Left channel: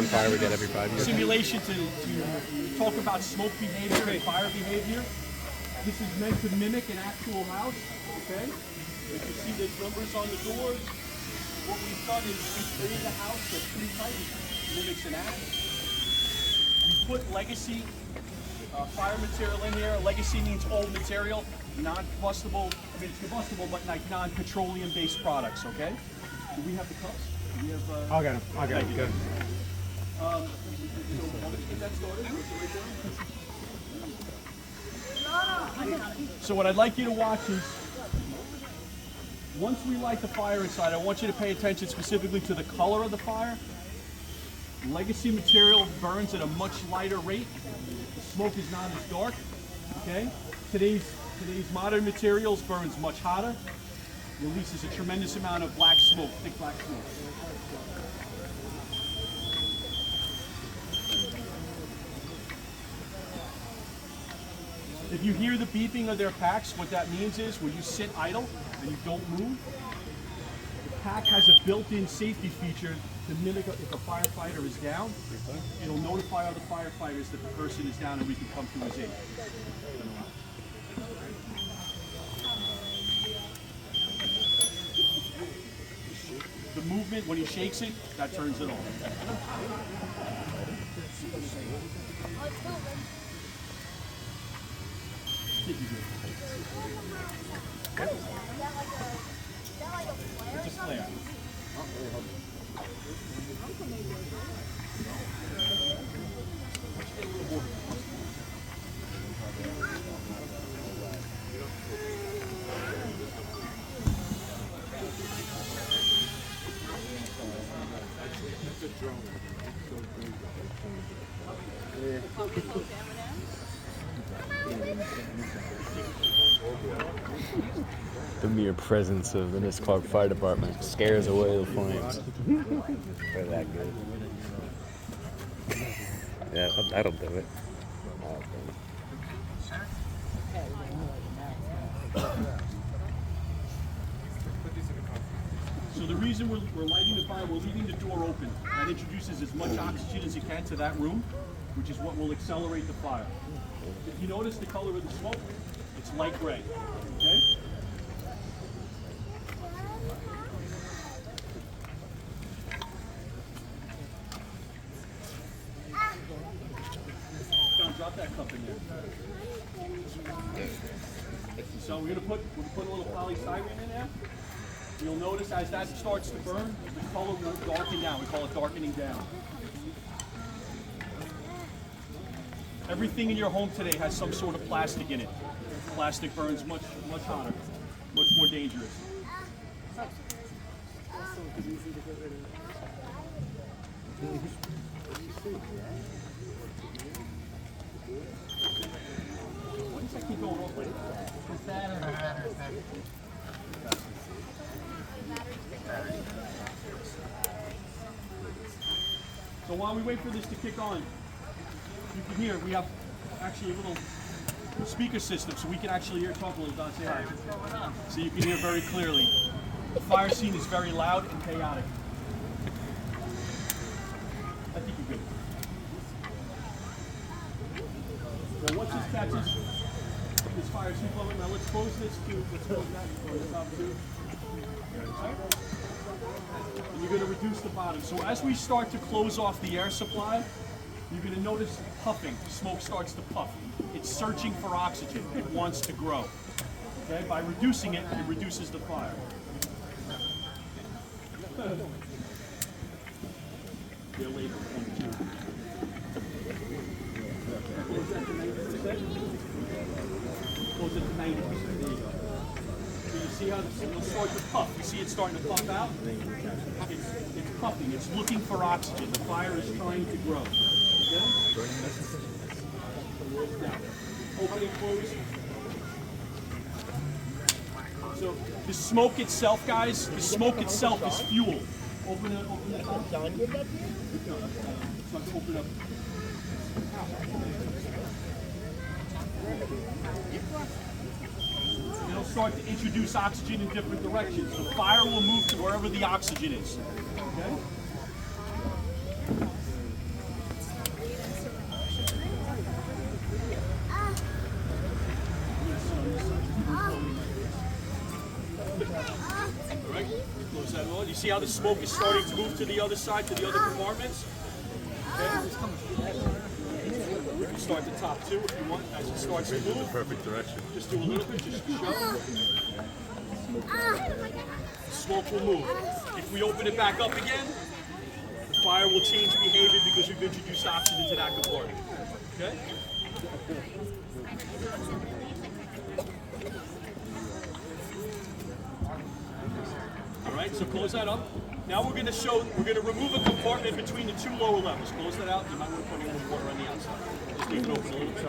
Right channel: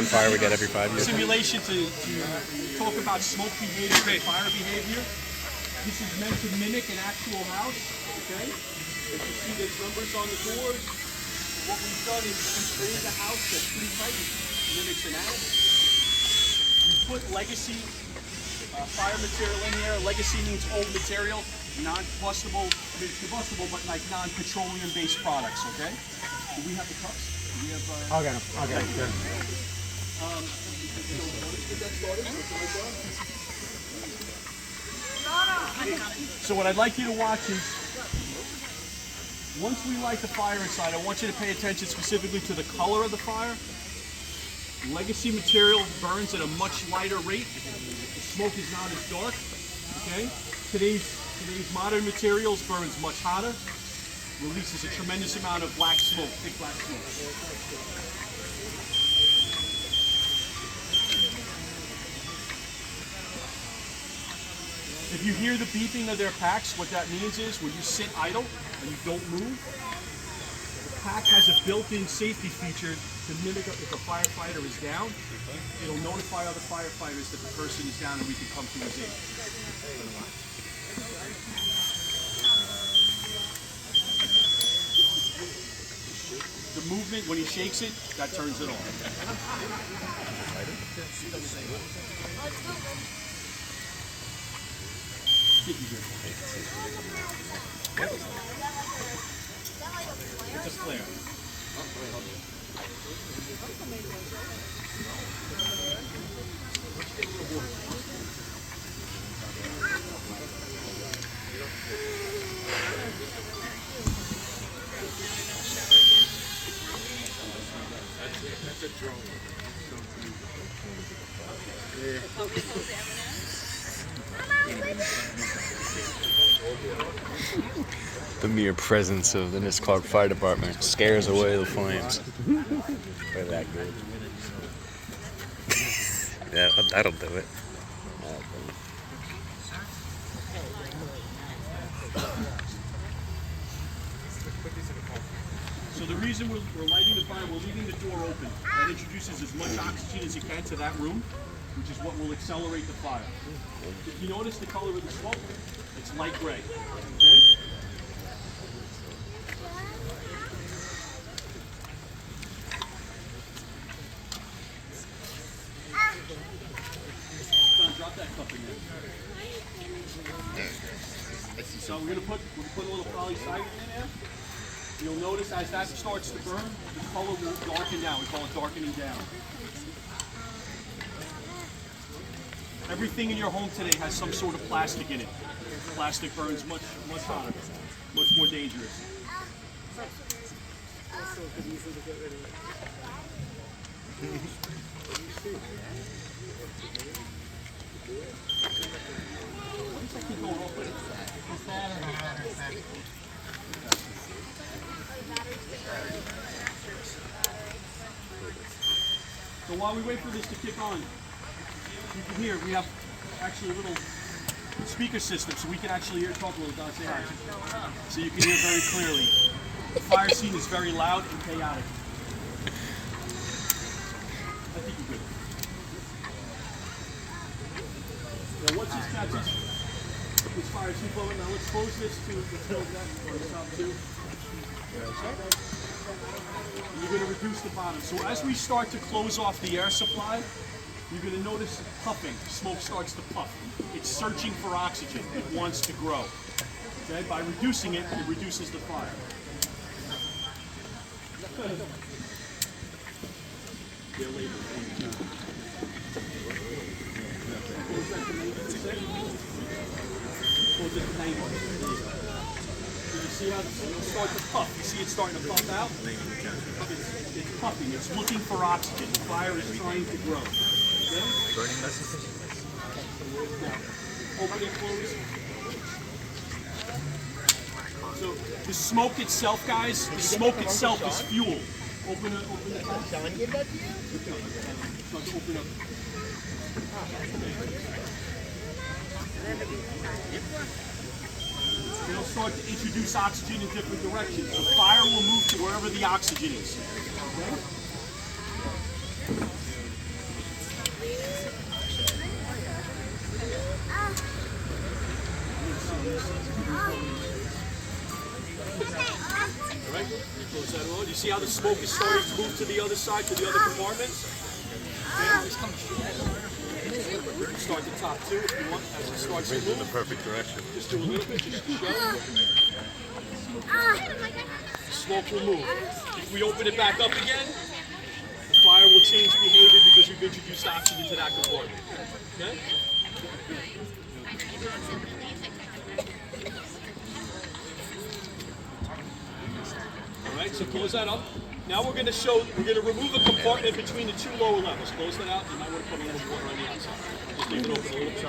one fire we get every 5 years. Simulation to talk about smoke behavior and fire behavior. This is meant to mimic an actual house, okay? As you see, there's numbers on the doors. What we've done is we've created a house that's pretty tight, mimics an attic. We put legacy fire material in here. Legacy means old material, non-combustible. I mean, it's combustible, but like non-petroleum based products, okay? Do we have the cups? Do we have, I'll get them. I'll get them. Good. So what I'd like you to watch is, once we light the fire inside, I want you to pay attention specifically to the color of the fire. Legacy material burns at a much lighter rate. The smoke is not as dark. Okay? Today's modern materials burns much hotter, releases a tremendous amount of black smoke, thick black smoke. If you hear the beeping of their packs, what that means is when you sit idle and you don't move, the pack has a built-in safety feature to mimic if a firefighter is down. It'll notify other firefighters that the person is down and we can come to his aid. The movement, when he shakes it, that turns it on. It's a flare. The mere presence of the Nissequogue Fire Department scares away the flames. They're that good. Yeah, that'll do it. So the reason we're lighting the fire, we're leaving the door open. That introduces as much oxygen as it can to that room, which is what will accelerate the fire. If you notice the color of the smoke, it's light gray. Okay? John, drop that cup in there. So we're gonna put a little polystyrene in there. You'll notice as that starts to burn, the color will darken down. We call it darkening down. Everything in your home today has some sort of plastic in it. Plastic burns much hotter, much more dangerous. Why does that keep going off with it? So while we wait for this to kick on, you can hear we have actually a little speaker system, so we can actually hear talk a little. Don, say hi. So you can hear very clearly. The fire scene is very loud and chaotic. I think you're good. Well, once this catches this fire scene flowing, now let's close this to let's close that on the top too. You're going to reduce the bottom. So as we start to close off the air supply, you're going to notice puffing. Smoke starts to puff. It's searching for oxygen. It wants to grow. Okay? By reducing it, it reduces the fire. They're labeled 22. Goes at 90. There you go. So you see how it'll start to puff. You see it starting to puff out? It's puffing. It's looking for oxygen. The fire is trying to grow. Burning message. Now, open and close. So the smoke itself, guys, the smoke itself is fuel. Open the top. Sean give that to you? Start to open up. It'll start to introduce oxygen in different directions. The fire will move to wherever the oxygen is. Okay? See how the smoke is starting to move to the other side, to the other compartments? Start the top two if you want, as it starts to move. Perfect direction. Just do a little bit, just to show. The smoke will move. If we open it back up again, the fire will change behavior because we've introduced oxygen to that compartment. Okay? All right, so close that up. Now we're going to remove a compartment between the two lower levels. Close that out. You might want to put a little water on the outside. Just leave it open a little bit.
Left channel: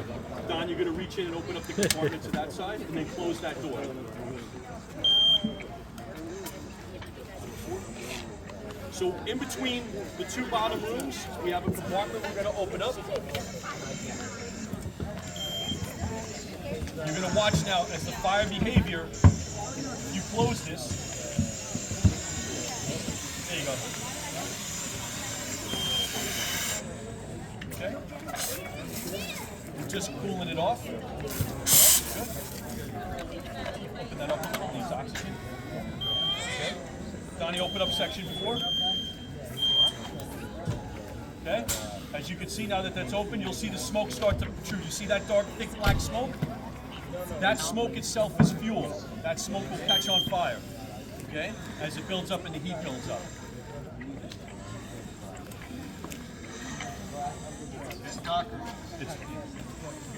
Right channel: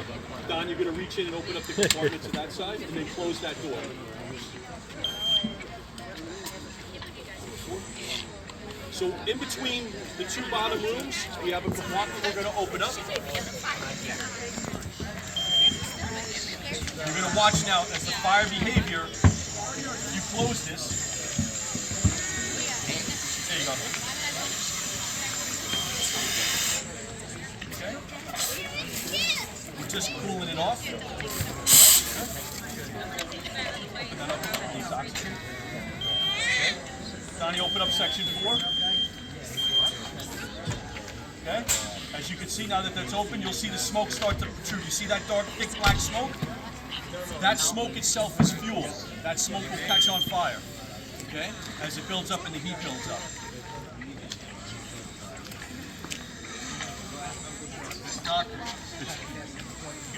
Don, you're going to reach in and open up the compartment to that side, and then close that door. So in between the two bottom rooms, we have a compartment we're going to open up. You're going to watch now as the fire behavior, you close this. There you go. Okay. We're just cooling it off. Open that up. Needs oxygen. Okay. Donnie, open up section 4. Okay. As you can see now that that's open, you'll see the smoke start to protrude. You see that dark, thick black smoke? That smoke itself is fuel. That smoke will catch on fire. Okay? As it builds up and the heat builds up.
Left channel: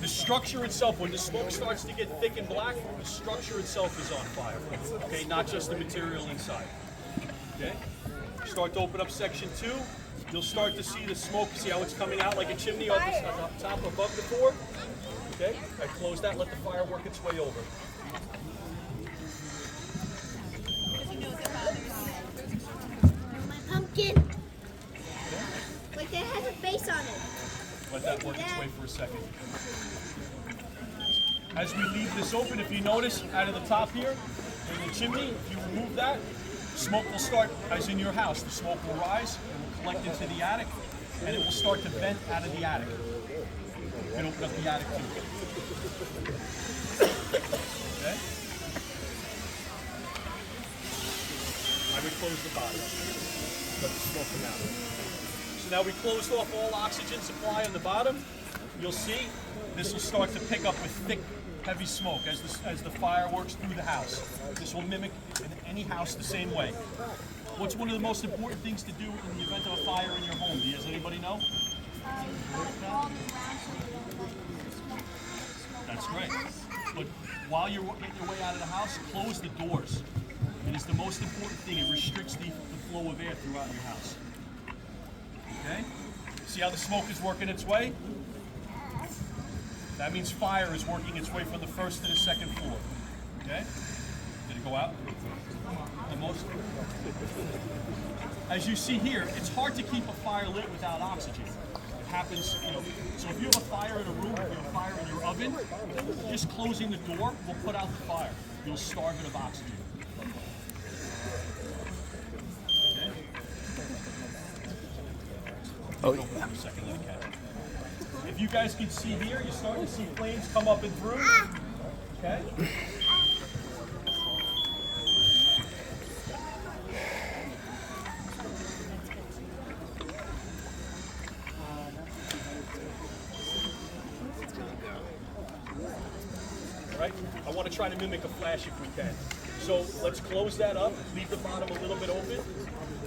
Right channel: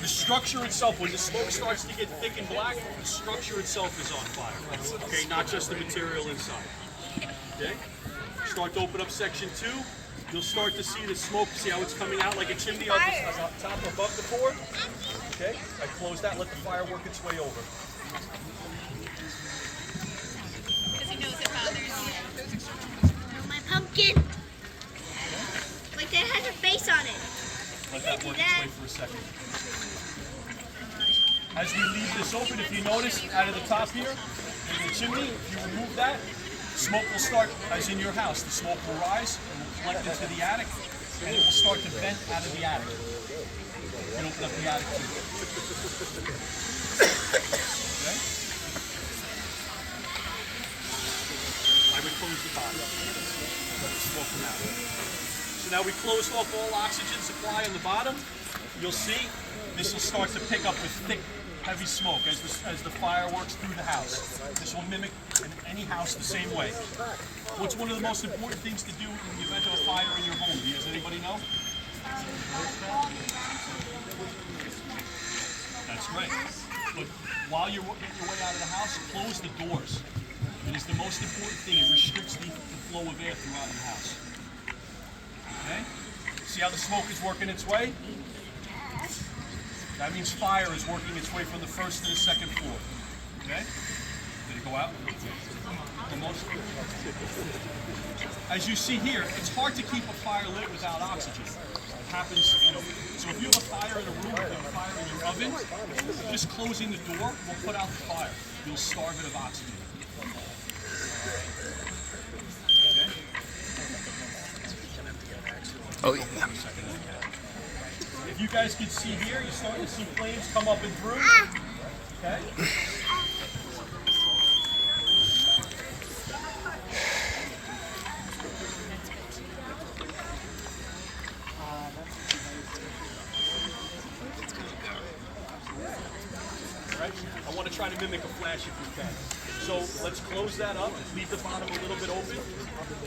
The structure itself, when the smoke starts to get thick and black, the structure itself is on fire. Okay, not just the material inside. Okay? Start to open up section 2. You'll start to see the smoke. See how it's coming out like a chimney on the top above the board? Okay? I close that, let the fire work its way over. Because he knows it bothers you. My pumpkin. Like that has a face on it. Let that work its way for a second. As we leave this open, if you notice, out of the top here, there's a chimney. If you remove that, smoke will start, as in your house, the smoke will rise and will collect into the attic, and it will start to vent out of the attic. You can open up the attic too. Okay? Now we close the bottom. Let the smoke come out. So now we closed off all oxygen supply on the bottom. You'll see this will start to pick up with thick, heavy smoke as the fire works through the house. This will mimic in any house the same way. What's one of the most important things to do in the event of a fire in your home? Does anybody know? That's great. But while you're getting your way out of the house, close the doors. It is the most important thing. It restricts the flow of air throughout your house. Okay? See how the smoke is working its way? That means fire is working its way from the first to the second floor. Okay? Did it go out? Almost. As you see here, it's hard to keep a fire lit without oxygen. It happens, so if you have a fire in a room, if you have a fire in your oven, just closing the door will put out the fire. You'll starve it of oxygen. Oh, yeah. If you guys can see here, you're starting to see flames come up and through. Okay? Right? I want to try to mimic a flash if we can. So let's close that up, leave the bottom a little bit open.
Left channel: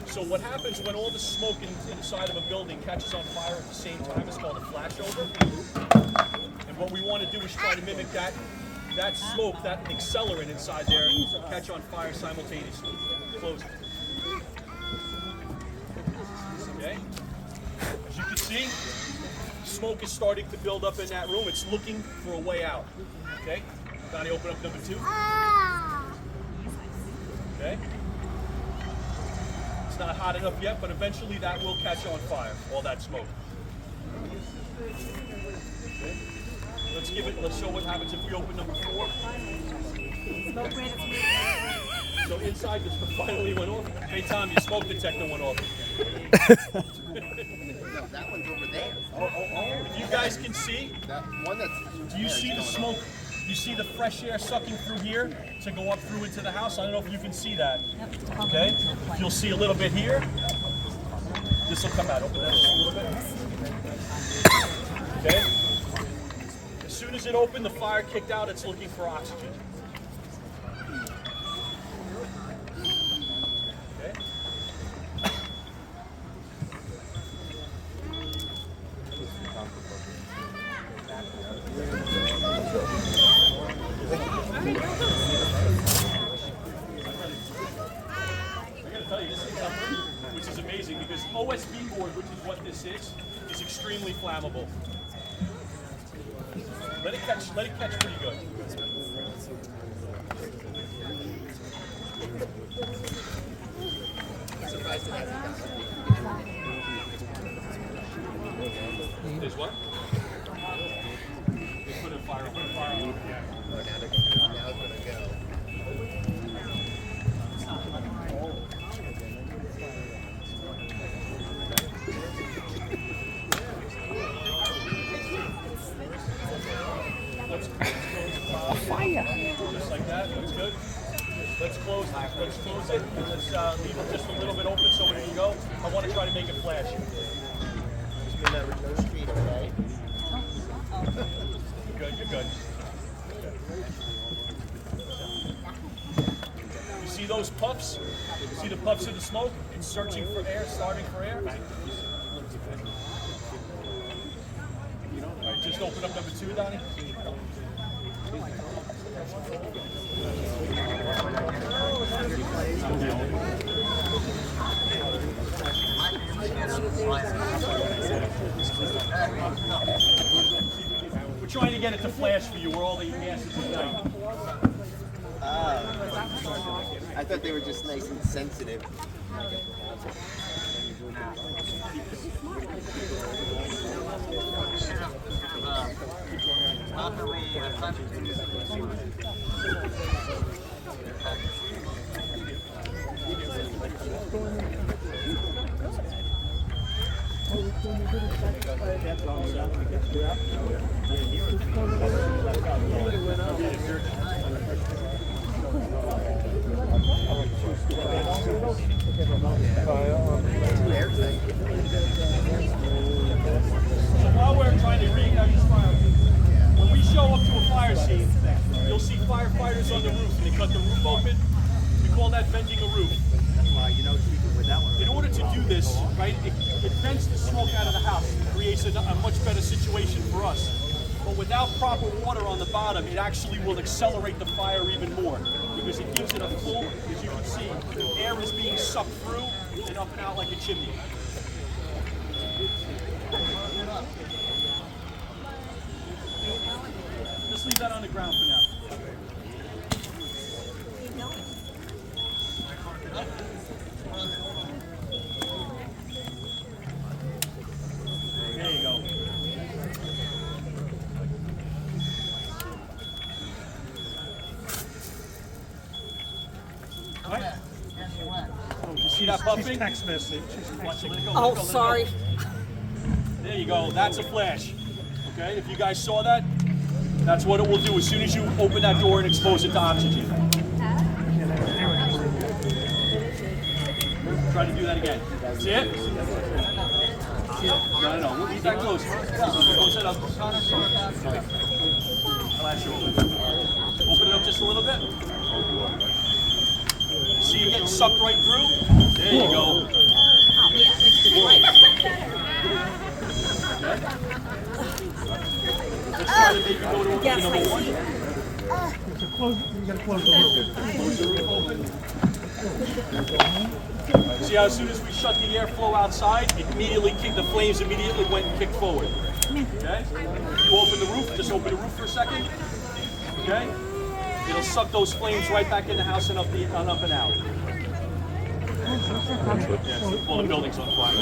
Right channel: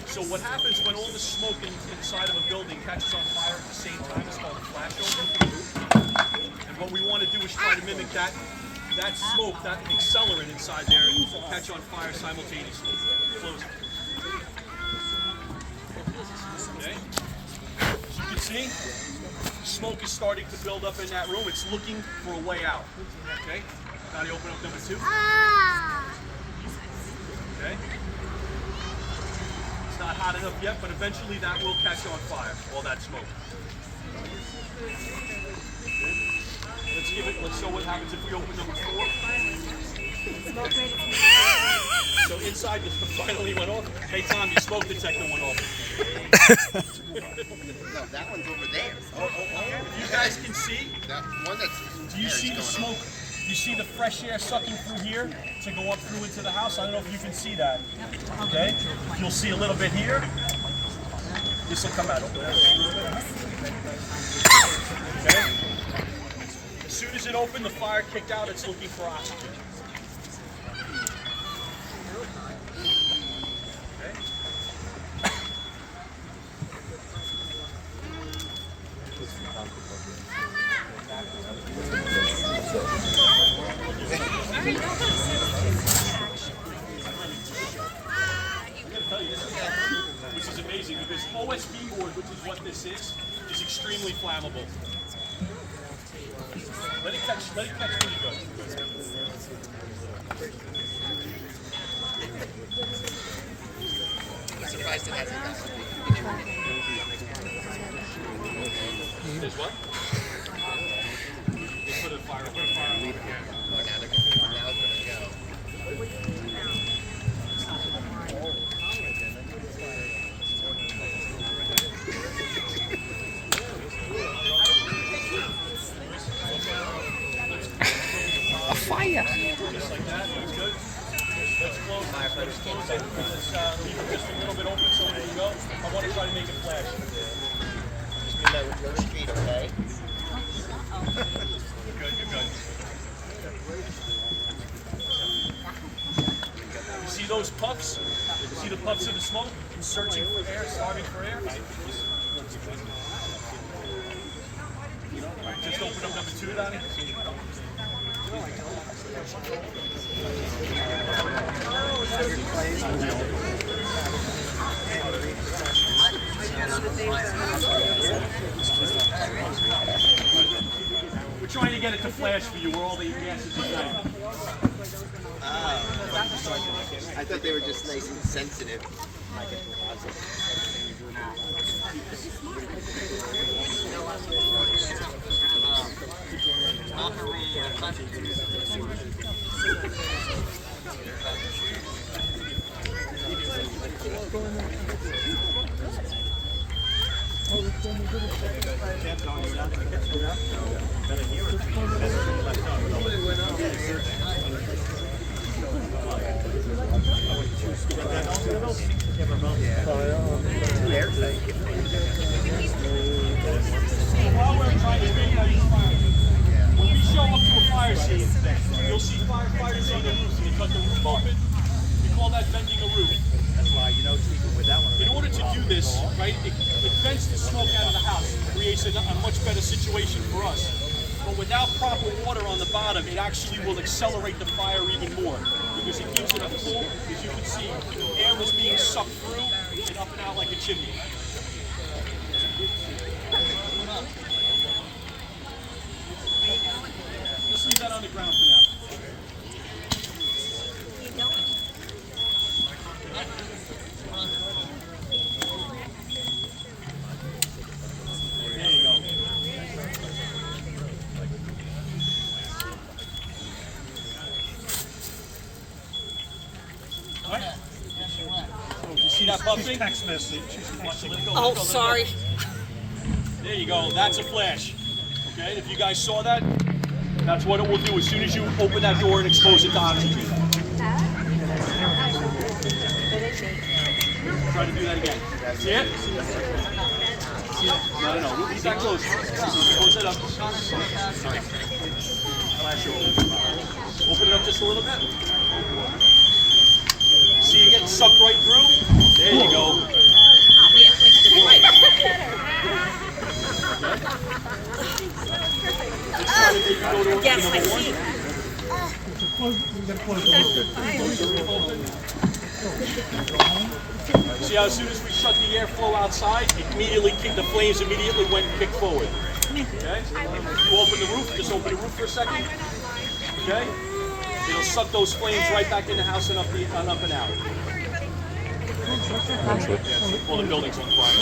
So what happens when all the smoke inside of a building catches on fire at the same time is called a flashover. And what we want to do is try to mimic that smoke, that accelerant inside there, catch on fire simultaneously. Close it. Okay? As you can see, smoke is starting to build up in that room. It's looking for a way out. Okay? Donnie, open up number 2. Okay? It's not hot enough yet, but eventually that will catch on fire, all that smoke. Okay. Let's show what happens if we open number 4. So inside the finally went off. Hey Tom, your smoke detector went off. No, that one's over there. If you guys can see, That one that's do you see the smoke? You see the fresh air sucking through here to go up through into the house. I don't know if you can see that. Okay? You'll see a little bit here. This will come out. Open that just a little bit. Okay? As soon as it opened, the fire kicked out. It's looking for oxygen. Okay? Tell you, this is which is amazing because OSB board, which is what this is extremely flammable. Let it catch pretty good. I'm surprised it hasn't done. Is what? They put a fire on. Oh, now it's gonna go. A fire. Just like that. That's good. Let's close it. Let's close it. And let's leave it just a little bit open so it can go. I want to try to make it flash. Just mean that with no street, okay? You're good. You're good. You see those puffs? You see the puffs of the smoke? It's searching for air, starving for air. All right, just open up number 2, Donnie. We're trying to get it to flash for you where all the gases ignite. I thought they were just nice and sensitive. While we're trying to reignite these fires, when we show up to a fire scene, you'll see firefighters on the roof, and they cut the roof open. We call that bending a roof. In order to do this, right, it vents the smoke out of the house, creates a much better situation for us. But without proper water on the bottom, it actually will accelerate the fire even more because it gives it a full, as you can see, air is being sucked through and up and out like a chimney. Just leave that on the ground for now. There you go. All right. Did you see that puffing? Text message. Watch it. Let it go. Oh, let it go, let it go. sorry. There you go. That's a flash. Okay, if you guys saw that, that's what it will do as soon as you open that door and expose it to oxygen. Try to do that again. See it? No. We'll be that close. Close it up. Flash over. Open it up just a little bit. See it getting sucked right through? There you go. Let's try to maybe go to number 1. Close the roof open. See how as soon as we shut the airflow outside, the flames immediately went and kicked forward. Okay? If you open the roof, just open the roof for a second. Okay? It'll suck those flames right back in the house and up and out. Yeah, well, the building's on fire.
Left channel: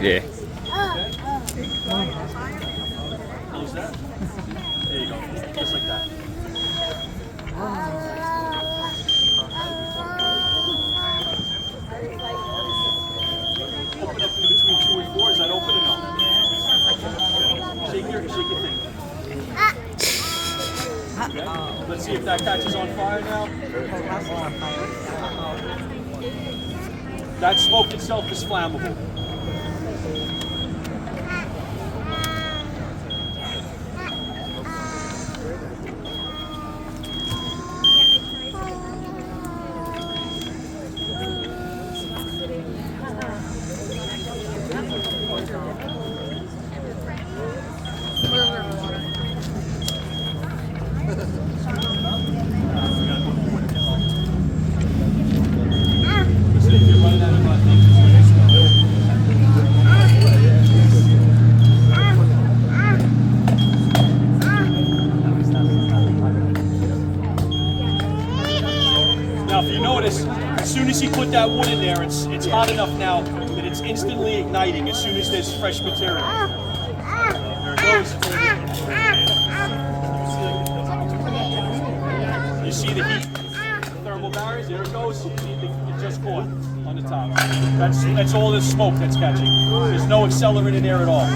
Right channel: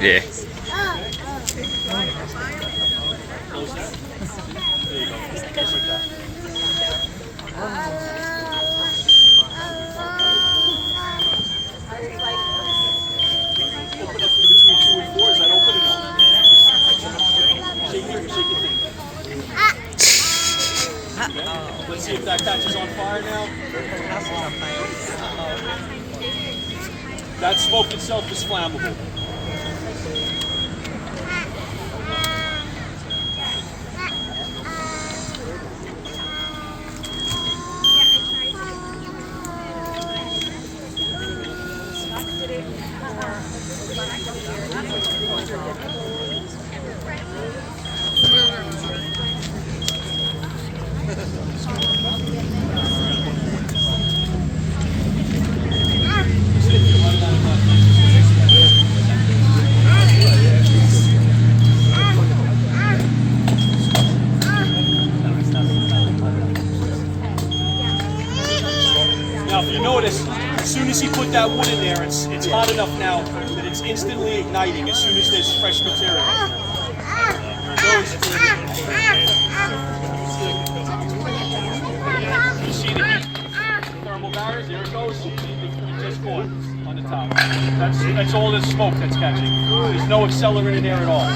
Yeah. Close that. There you go. Just like that. Open up in between 2 and 4. Is that open or no? Shake your thing. Okay. Let's See if that catches on fire now. That smoke itself is flammable. Now, if you notice, as soon as he put that wood in there, it's hot enough now that it's instantly igniting as soon as there's fresh material. There it goes. You see the heat thermal barriers? There it goes. It just caught on the top. That's all the smoke that's catching. There's no accelerant in there at all.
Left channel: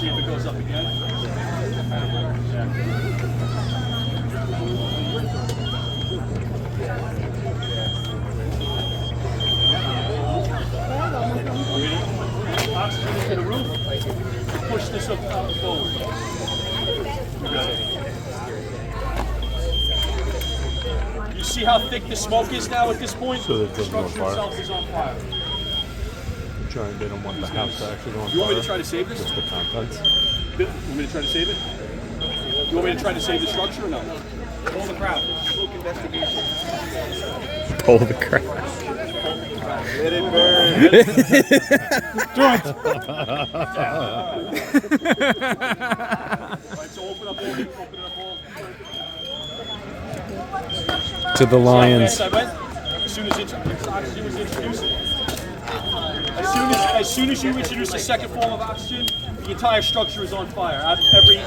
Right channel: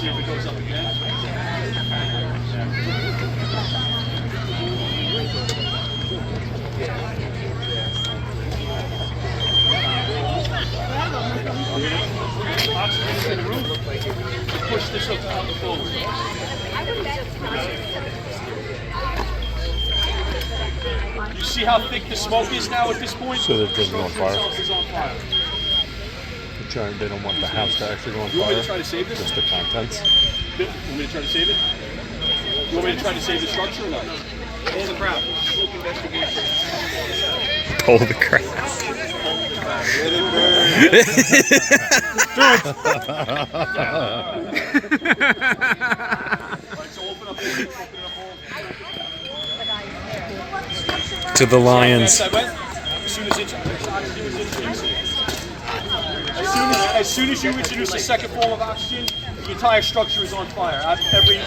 See if it goes up again. Oxygen into the roof. Push this up forward. You see how thick the smoke is now at this point? So that the it doesn't go on structure fire? itself is on fire. They don't want the house to actually go on fire. You want me to try to save this? Just the contents. You want me to try to save it? You want me to try to save the structure or no? Hold the crowd. Pull the crap. Alright, so open up all. To the lions. As soon as oxygen was introduced, as soon as you introduce a second form of oxygen, the entire structure is on fire. Out of every.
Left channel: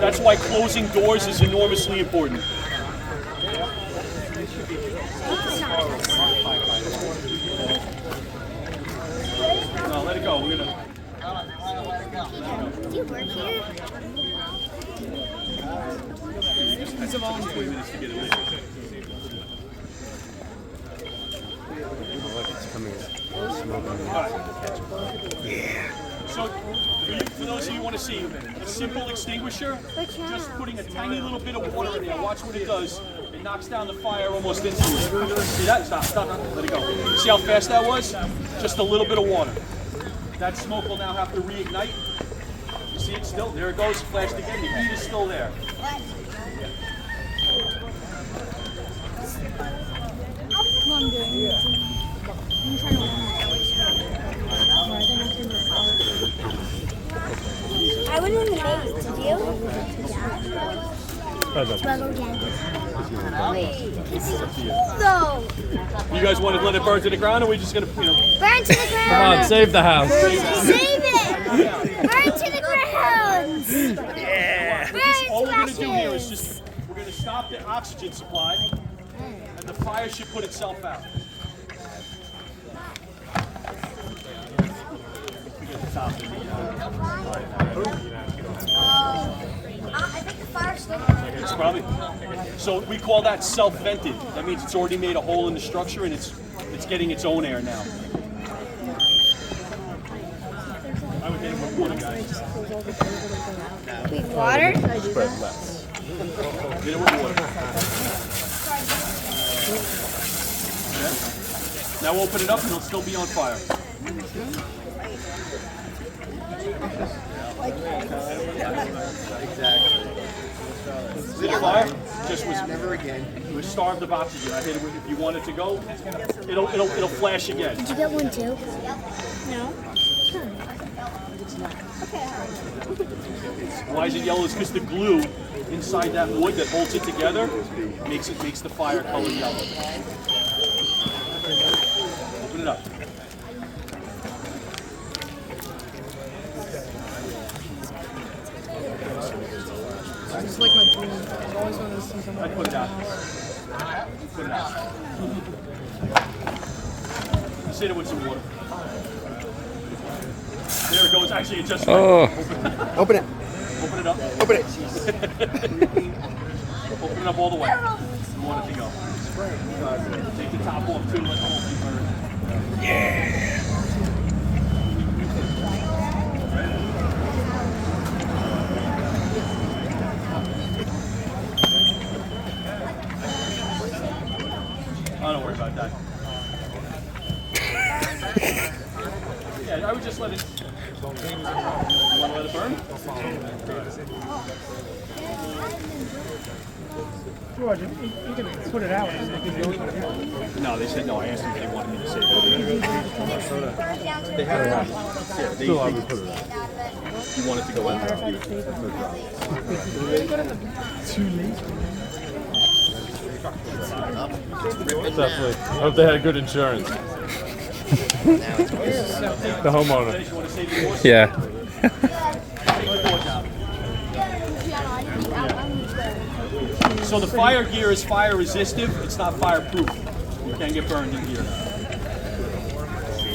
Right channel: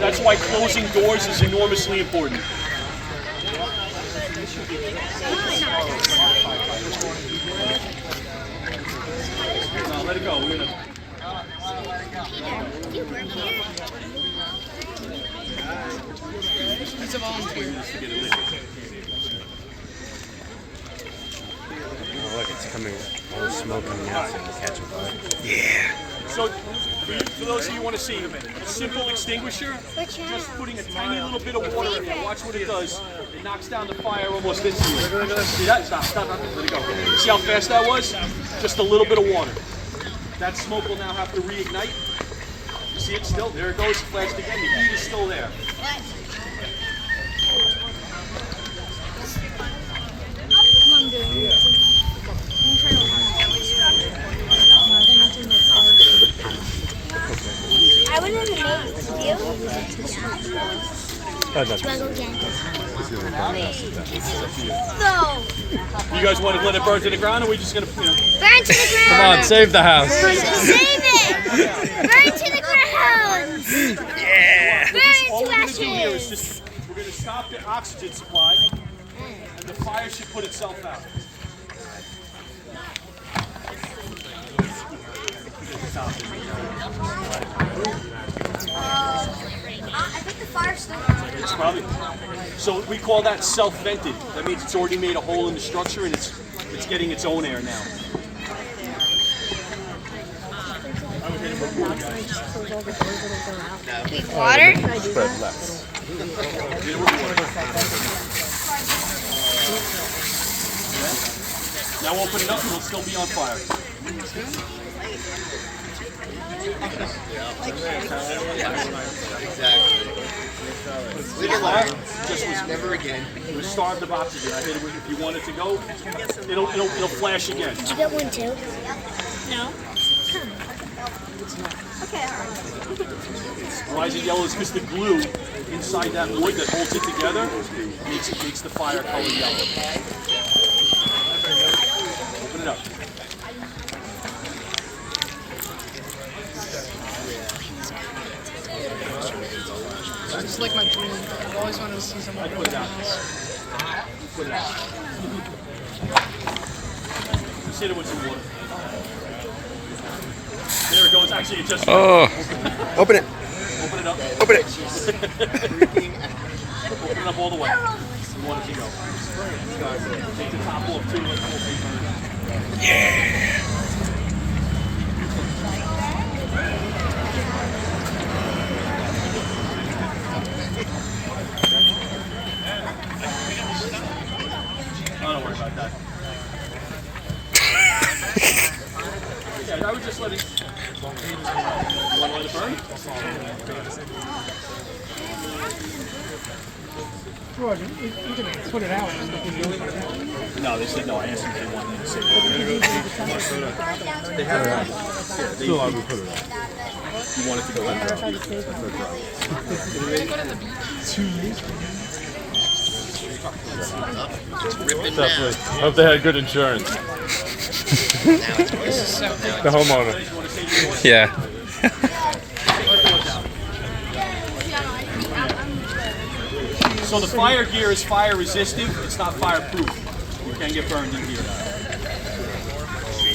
That's why closing doors is enormously important. No, let it go. We're gonna. It's 20 minutes to get it lit. Look, it's coming. All smoke on the outside. So, for those of you who want to see, a simple extinguisher, just putting a tiny little bit of water in there. Watch what it does. It knocks down the fire almost instantly. See that? Stop. Let it go. See how fast that was? Just a little bit of water. That smoke will now have to reignite. You see it still? There it goes. Flashed again. The heat is still there. I went in the maze. Did you? Struggle again. No. You guys want to let it burn to the ground, or are we just gonna, Burn to the ground. Come on, save the house. Save it. Burn to the ground. Yeah. all we're gonna do here is we're gonna stop the oxygen supply, and the fire should put itself out. I think the fire's still It's probably. So we call that self-vented. That means it's already made a hole in the structure and it's getting its own air now. I would hit it with water, guys. With water? Spread less. Hit it with water. Now open it up and it'll still be on fire. See the fire? Just was Never again. it was starved of oxygen. I hit it with, if you want it to go, it'll flash again. Did you get one too? No. Why is it yellow? It's because the glue inside that wood that holds it together makes the fire color yellow. Open it up. It's like my dream. I've always wanted to see someone. I'd put it out. Put it out. Sit it with some water. There it goes. Actually, it just. Oh. Open it. Open it up. Open it. Open it up all the way. You want it to go. Take the top off too. Let the whole thing burn. Oh, don't worry about that. Yeah, I would just let it. You want to let it burn? George, you can put it out. And you can do it. No, they said no. I asked them if they wanted me to say it. You want it to go in? Definitely. Hope they had good insurance. The homeowner. You want to say the voice? Yeah. So the fire gear is fire resistive. It's not fireproof. You can't get burned in here.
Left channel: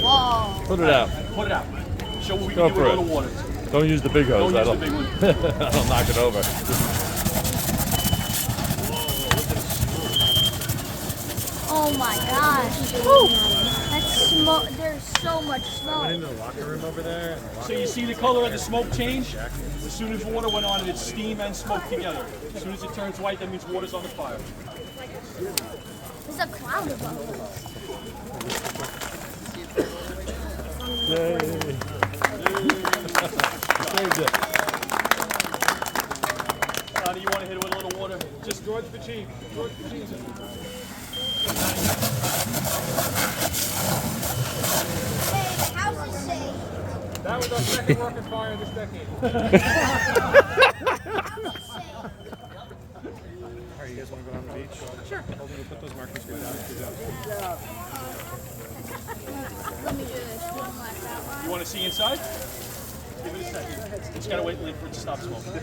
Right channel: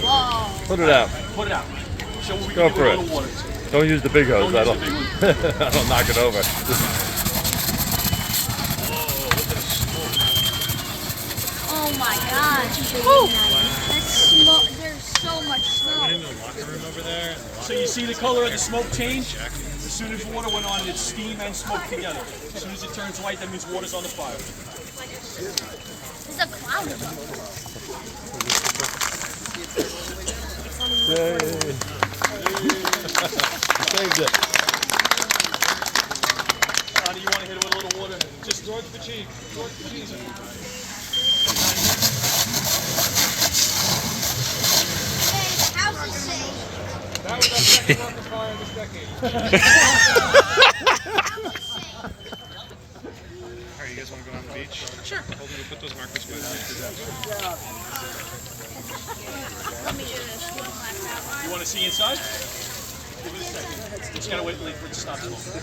Whoa. Put it out. Put it out. Show what we Go can do with for a it. little water. Don't use the big hose. Don't use the That'll, big one. that'll knock it over. Oh my gosh. Woo. That's smoke. There's so much smoke. So you see the color of the smoke change? As soon as water went on, it's steam and smoke together. As soon as it turns white, that means water's on the fire. There's a cloud above. Saved it. Donnie, you want to hit it with a little water? Just George the Chief. George the Chief. Hey, house is safe. That was our second rocket fire this decade. Alright, you guys want to go on the beach? Sure. Hold me, put those markers by Let me do this one last outline. You want to see inside? Give it a second. Just gotta wait for it to stop smoking.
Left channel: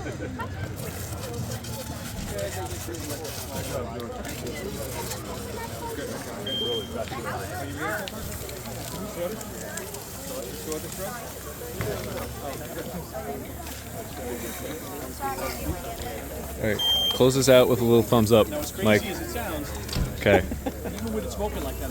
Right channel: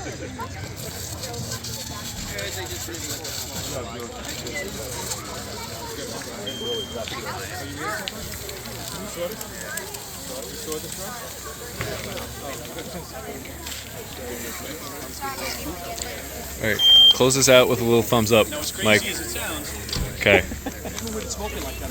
All right. Close this out with a little thumbs up, Now, as crazy Mike. as it sounds, Okay. even with it smoking like that,